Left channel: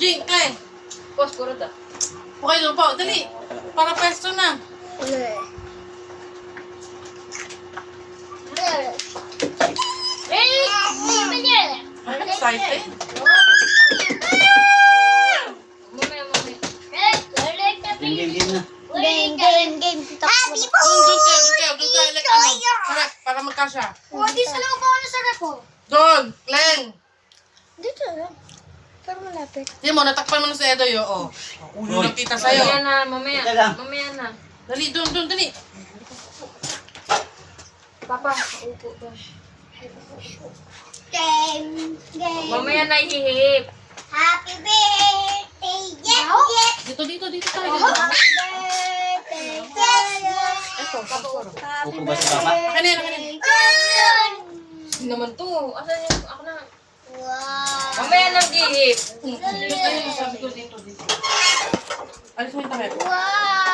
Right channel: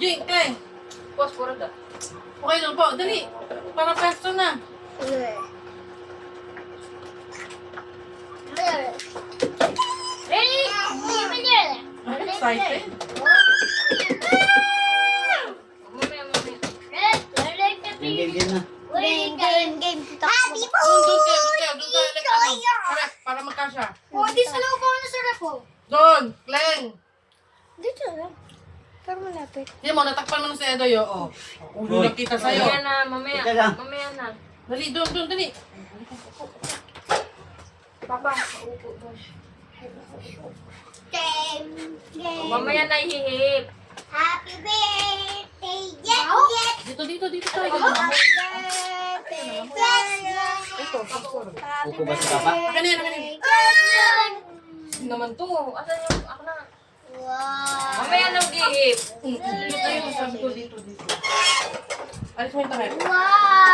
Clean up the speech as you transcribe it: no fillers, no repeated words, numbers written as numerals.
Jing, Clay. Pos, puro to. Okay lang po. Dali. Para pesto na. Excited? Mamaya. Game na. Game. Happy po! Doon kayo. Like, correct. Para magkasya. Di sa loob ako na sarap po. Doon. Kleng. Dito lang. Pero malapit. Yan mo, natakpan mo na si Edoy. Oo. Ulo lang kita sa'yo. Mamaya na, mamaya. Ito lang. Mamaya na. Dali, doon, dali. Papa, upo ba? Game. Mamaya na ihihip. Happy birthday, Jet. Dito tayo. Happy birthday, Jet. Ito, puro. Upo ba si Papa? Akin na yan. Sino naman to? Asan yung, ako na. Wow. Mamaya na ihihip. Dito tayo, sabi ko dito. Alis mo yung takip. Wow.